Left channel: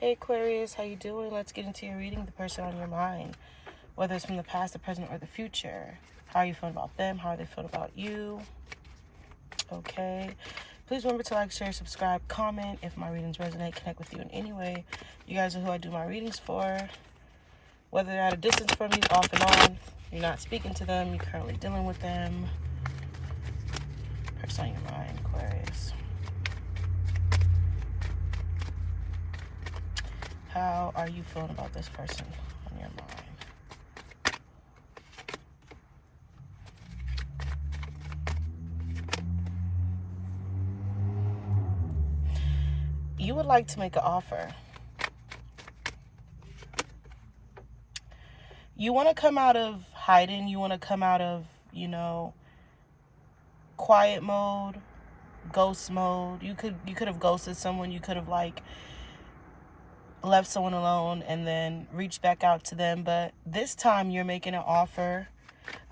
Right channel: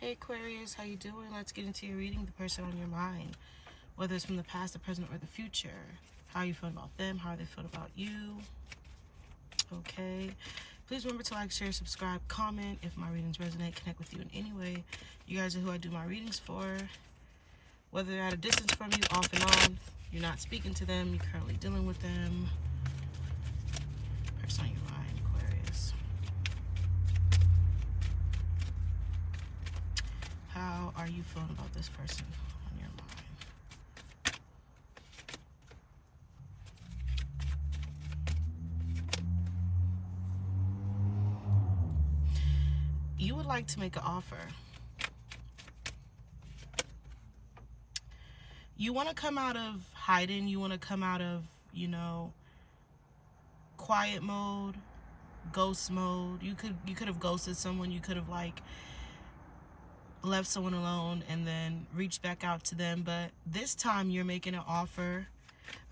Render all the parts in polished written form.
Hey Aquarius, how you doing? Let's get into your reading, the person on your mind. Whether it's from the past, the present, or the future. How are you feeling about them? How are they feeling about you? Okay. Please remember to like, share, subscribe, comment. If my readings resonate, connect with you in any way. You guys are who I do my readings for. Whether they're at a distance from you, off and on, you're not speaking to them, you're currently dealing with them. Person on your mind, Aquarius. How are you feeling about this person on your mind? You would like to make an offer. You want to come out of hiding. You want to come out of, quiet mode, ghost mode. You could have ghosted someone. You could have left someone alone and then reached back out to them. But this time you're making an offer.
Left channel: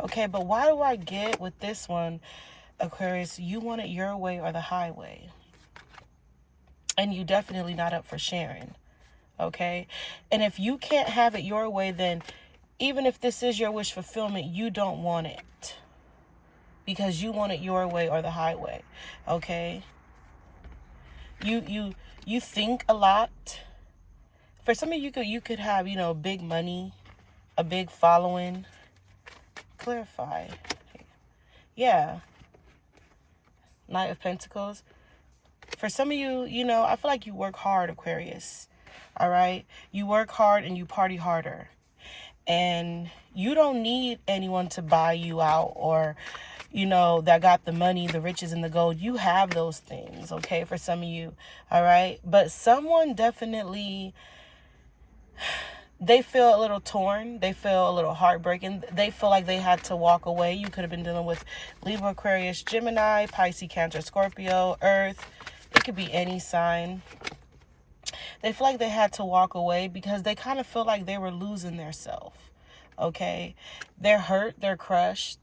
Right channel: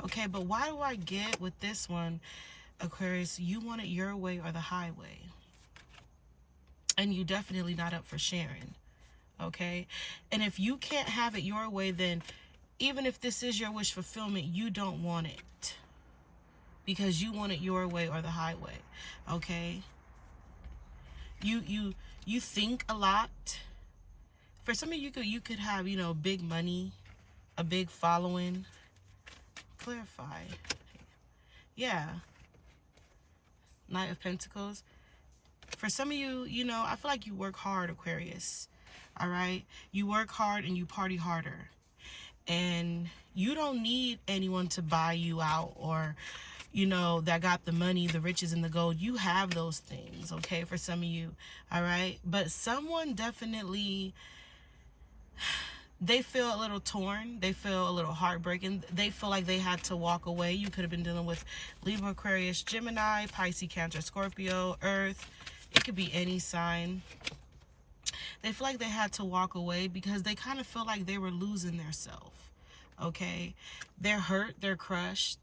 Okay, but why do I get with this one, Aquarius? You want it your way or the highway. And you definitely not up for sharing. Okay? And if you can't have it your way, then even if this is your wish fulfillment, you don't want it. Because you want it your way or the highway. Okay? You think a lot. For some of you could have, big money, a big following. Clarify. Yeah. Knight of Pentacles. For some of you, I feel like you work hard, Aquarius. All right? You work hard and you party harder. And you don't need anyone to buy you out or, that got the money, the riches, and the gold. You have those things, okay, for some of you. All right? But someone definitely, they feel a little torn. They feel a little heartbreaking. They feel like they had to walk away. You could have been dealing with Libra, Aquarius, Gemini, Pisces, Cancer, Scorpio, Earth. It could be any sign. They feel like they had to walk away because they kind of feel like they were losing their self. Okay? They're hurt. They're crushed.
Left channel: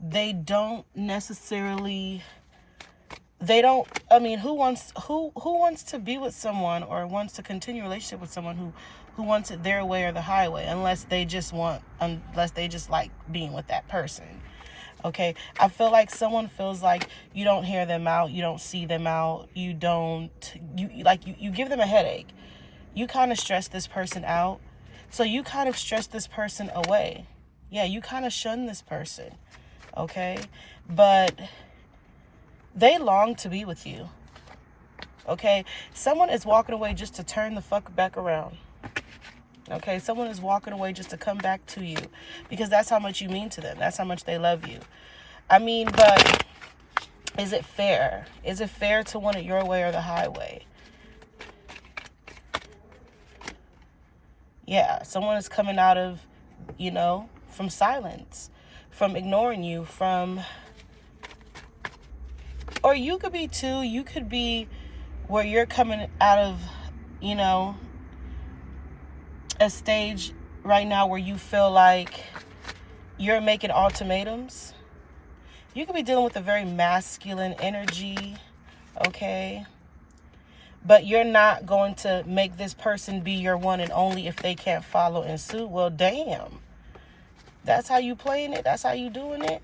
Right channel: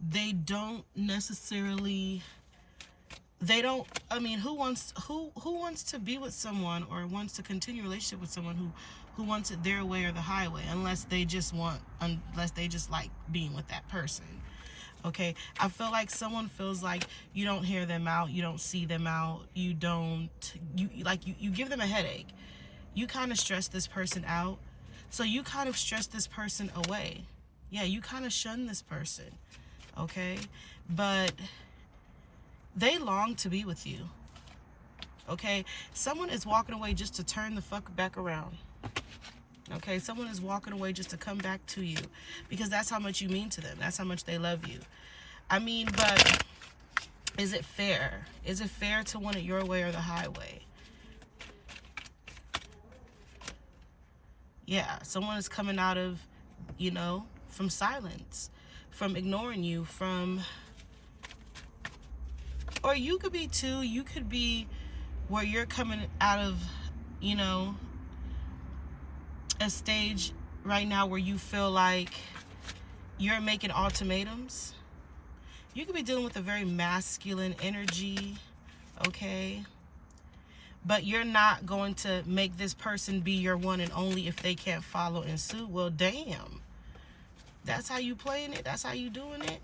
They don't necessarily... who wants to be with someone or wants to continue a relationship with someone who wants it their way or the highway, unless they just like being with that person. Okay, I feel like someone feels like you don't hear them out, you don't see them out, you give them a headache. You kind of stress this person out, so you kind of stress this person away. Yeah, you kind of shun this person. Okay, but they long to be with you. Okay, someone is walking away just to turn the fuck back around. Okay, someone is walking away just to come back to you because that's how much you mean to them. That's how much they love you. But is it fair? Is it fair to want it your way or the highway? Yeah, someone is coming out of, from silence, from ignoring you, or you could be too, you could be where you're coming out of, a stage right now where you feel like you're making ultimatums. You could be dealing with a very masculine energy, okay? But you're not going to make this person be your one and only if they can't follow in suit. Well, damn. That's how you playing it? That's how you doing it?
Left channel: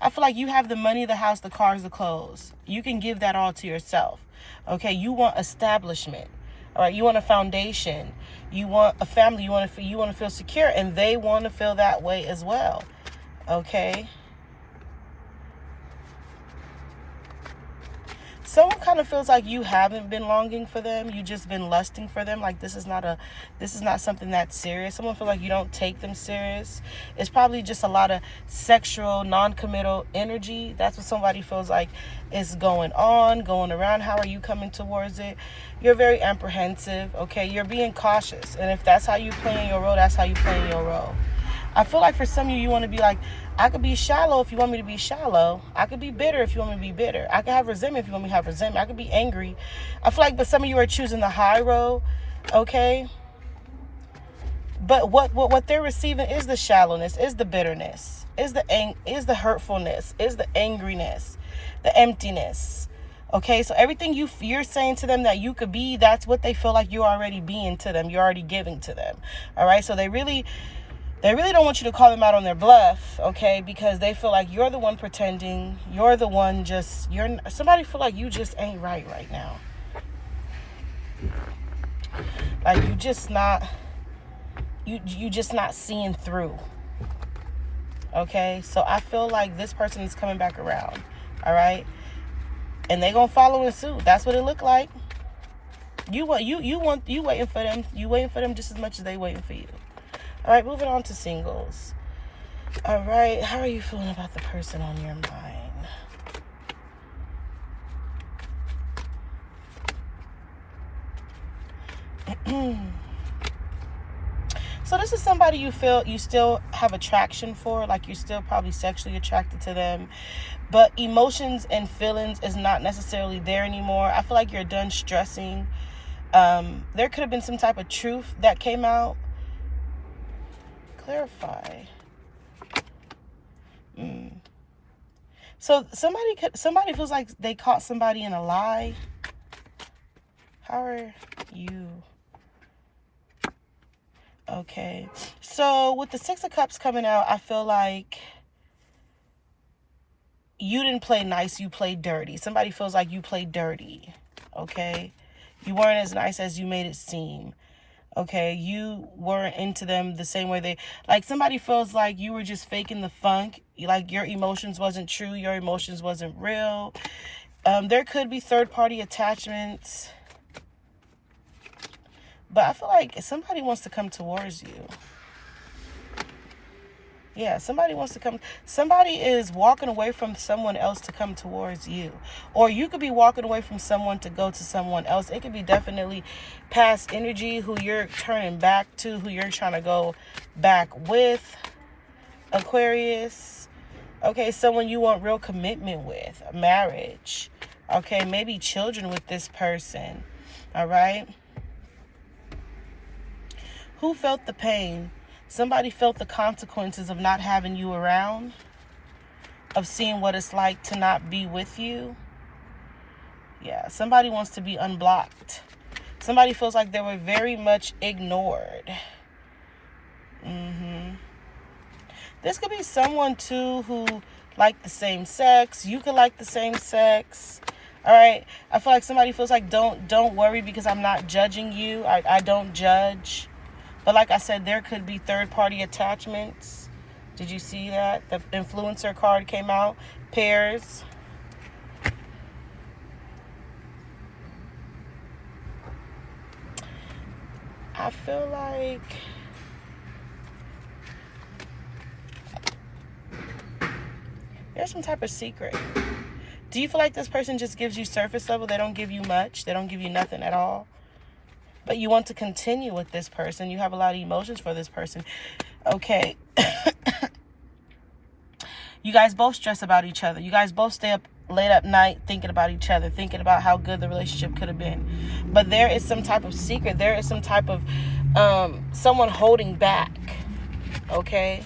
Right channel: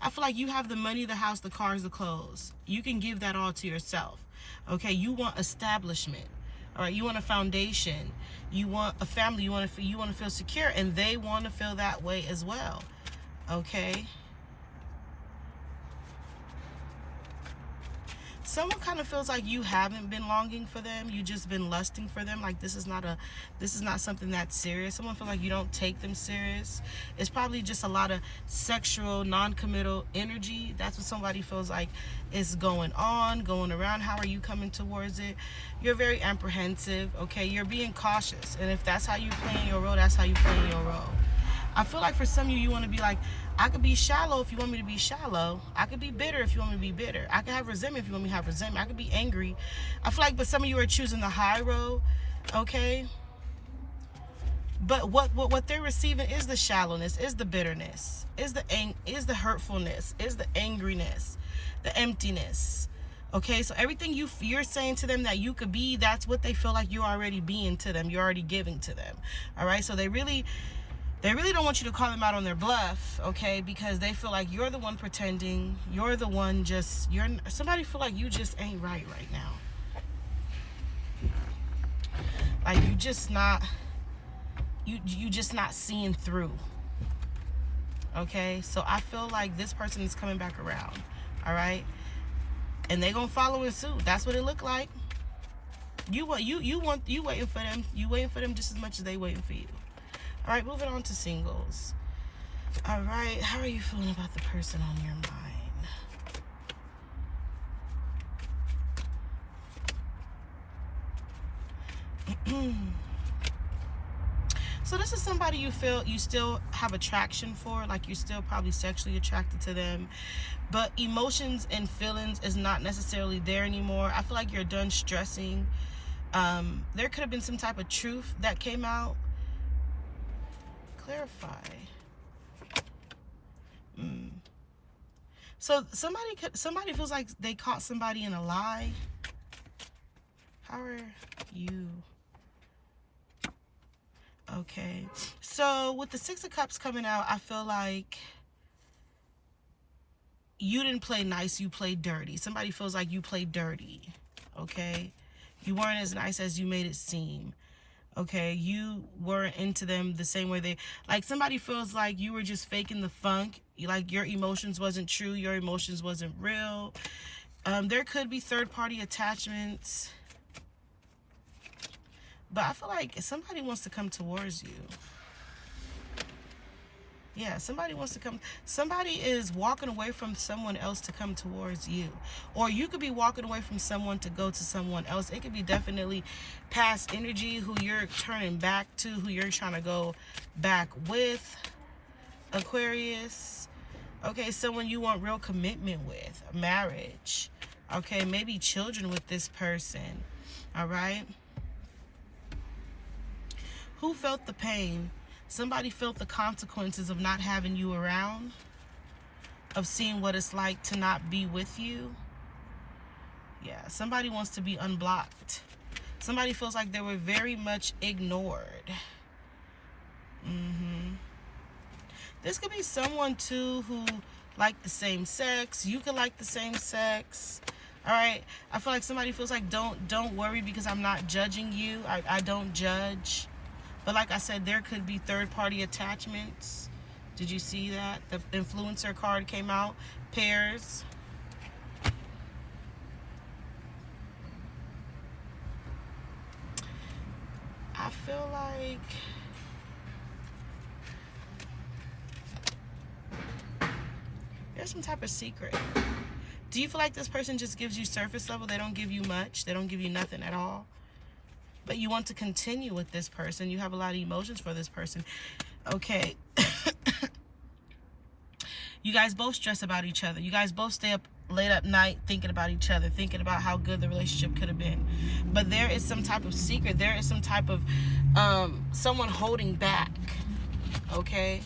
I feel like you have the money, the house, the cars, the clothes. You can give that all to yourself, okay? You want establishment. All right, you want a foundation, you want a family, you want to feel secure, and they want to feel that way as well. Okay. Someone kind of feels like you haven't been longing for them. You just been lusting for them. Like this is not something that's serious. Someone feels like you don't take them serious. It's probably just a lot of sexual, non-committal energy. That's what somebody feels like is going around. How are you coming towards it? You're very apprehensive, okay? You're being cautious. And if that's how you play in your role, that's how you play in your role. I feel like for some of you want to be like, I could be shallow if you want me to be shallow. I could be bitter if you want me to be bitter. I could have resentment if you want me to have resentment. I could be angry. I feel like, but some of you are choosing the high road, okay? But what they're receiving is the shallowness, is the bitterness, is the hurtfulness, is the angriness, the emptiness, Okay, so everything you're saying to them that you could be, that's what they feel like you're already being to them. You're already giving to them. All right, so they really don't want you to call them out on their bluff, okay? Because they feel like you're the one pretending. You're the one somebody feel like you just ain't right now. Like you just not seeing through. Okay, so I feel like this person is coming back around. All right, and they gonna follow in suit. That's what it look like. You waiting for them. You waiting for them just as much as they waiting for you. All right, moving on to singles. All right, how are you feeling about the person on your mind? So this is somebody you feel you still have attraction for, like you're still probably sexually attracted to them, but emotions and feelings is not necessarily there anymore. I feel like you're done stressing. There could have been some type of truth that came out. Clarify. So somebody feels like they caught somebody in a lie. How are you? Okay, so with the Six of Cups coming out, I feel like you didn't play nice, you played dirty. Somebody feels like you played dirty, okay? You weren't as nice as you made it seem, okay? You weren't into them the same way like somebody feels like you were just faking the funk, like your emotions wasn't true, your emotions wasn't real. There could be third-party attachments. But I feel like somebody wants to come towards you. Yeah, somebody wants to come. Somebody is walking away from someone else to come towards you. Or you could be walking away from someone to go to someone else. It could be definitely past energy, who you're turning back to, who you're trying to go back with. Aquarius. Okay, someone you want real commitment with. Marriage. Okay, maybe children with this person. All right? Who felt the pain? Somebody felt the consequences of not having you around, of seeing what it's like to not be with you. Yeah, somebody wants to be unblocked. Somebody feels like they were very much ignored. This could be someone, too, who like the same sex. You could like the same sex. All right? I feel like somebody feels like, don't worry because I'm not judging you. I don't judge. But like I said, there could be third-party attachments. Did you see that? The influencer card came out. Pairs. I feel like there's some type of secret. Do you feel like this person just gives you surface level? They don't give you much. They don't give you nothing at all. But you want to continue with this person. You have a lot of emotions for this person. Okay. You guys both stress about each other. You guys both stay up late at night thinking about each other, thinking about how good the relationship could have been. But there is some type of secret. There is some type of someone holding back, okay,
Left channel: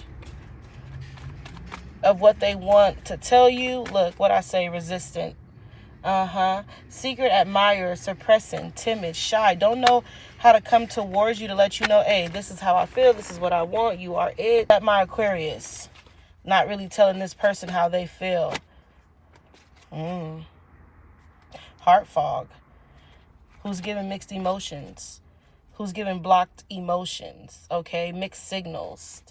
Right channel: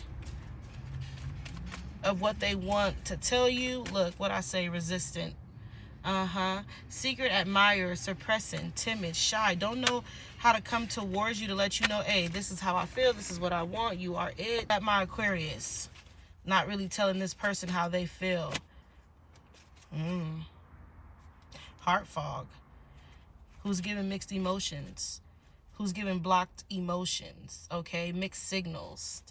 of what they want to tell you. Look, what I say, resistant. Secret admirer, suppressing, timid, shy. Don't know how to come towards you to let you know, hey, this is how I feel. This is what I want. You are it. At my Aquarius. Not really telling this person how they feel. Heart fog. Who's giving mixed emotions? Who's giving blocked emotions? Okay, mixed signals.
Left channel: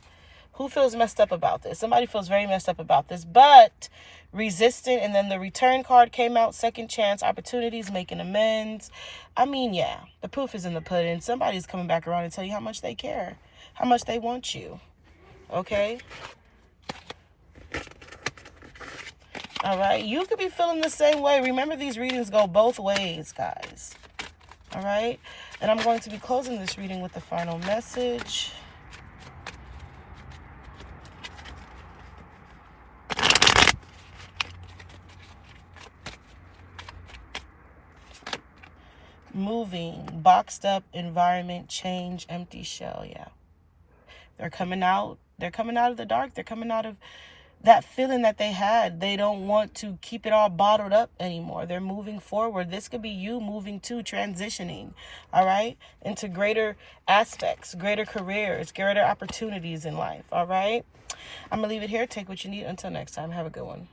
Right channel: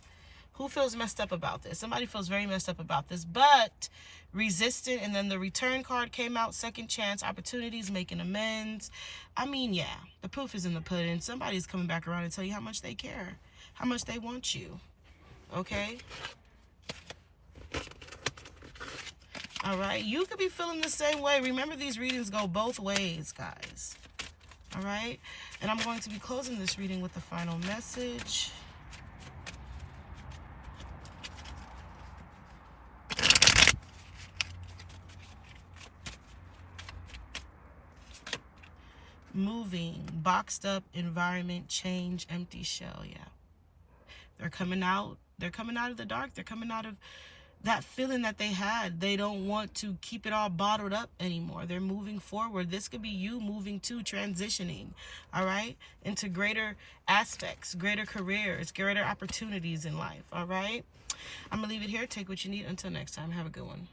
Who feels messed up about this? Somebody feels very messed up about this, but resistant. And then the return card came out. Second chance, opportunities, making amends. I mean, yeah, the proof is in the pudding. Somebody's coming back around and tell you how much they care, how much they want you. Okay? All right? You could be feeling the same way. Remember, these readings go both ways, guys. All right? And I'm going to be closing this reading with the final message. Moving, boxed up environment, change, empty shell. Yeah, they're coming out of the dark. They're coming out of that feeling that they had. They don't want to keep it all bottled up anymore. They're moving forward. This could be you moving to transitioning, all right, into greater aspects, greater careers, greater opportunities in life, all right? I'm going to leave it here. Take what you need. Until next time, have a good one.